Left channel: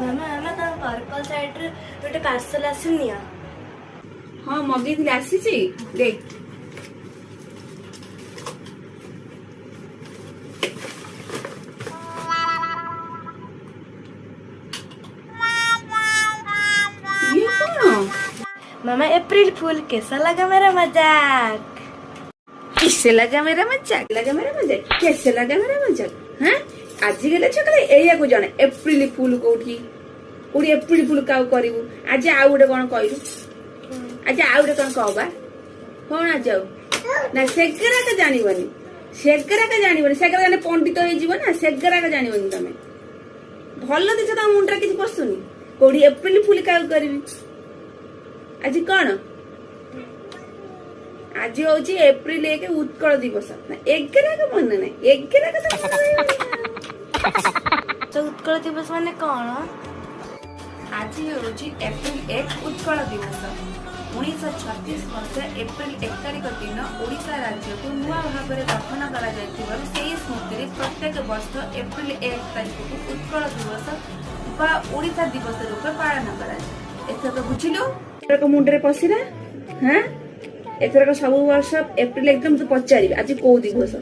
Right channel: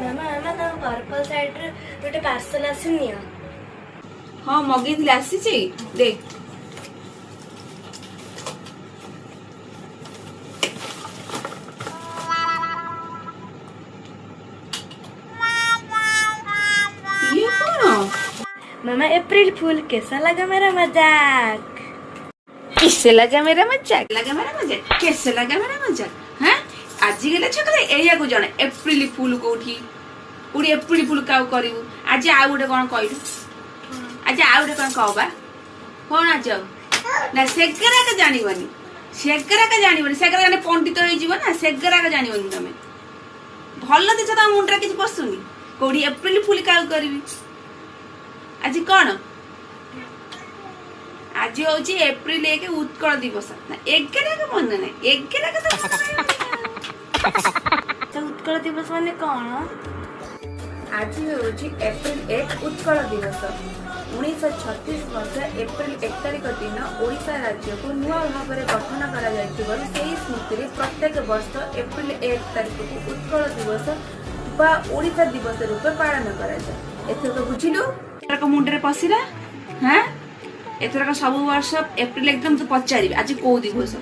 ମାମା ମାମା ତମ ପର୍ପଲ ସାଇଡରେ ଗୋଟେ ପାର୍ସଲ ଆସିନି? ହଁ ମଗେଇଥିଲି, ଆସିଛି ଦେଖ। ये कौन? मामा अप्रैल फूल कैसा लगा मेरा मजाक? किससे लगा मेरा मजाक? लगा मेरा मजाक? कैसे लगा मेरा मजाक? हाँ आज गले छकले एया को जणे एप्रिल फूल कोठी कोठी एप्रिल फूल काउ करिवु आज आ गुटे कोन कहलु आज आ गुटे कोन कहबा कोन आज जाऊ ना सेगरा का जानिबनी सेगरा जाने पंडित होई जीव ना सेगरा का जानिबनी तमे भलो दिस त मुंडरा किछ पसुनी कोठी एप्रिल फूल काउ करबी आज कोन आज होची एप्रिल 1 उत्कल दिवस ना 11 का मन नहीं 11 का तो उत्कल दिवस माने कौन? आज होची एप्रिल 1 उत्कल दिवस 1936 मध्य एप्रिल 1 तारिख दिन ओडिशा राज्य को नुआ भाव में गठन करा जायतिबारु सेही स्मृति रे प्रत्येक वर्ष एप्रिल 1 तारिख को उत्कल दिवस बा ओडिशा दिवस रूपे पालन करा जाय। एथर तो बुझिलो एथर मुंडरे पसिरा हां एथर सब वर्ष एप्रिल एकदम तो पचारि आज को दिवस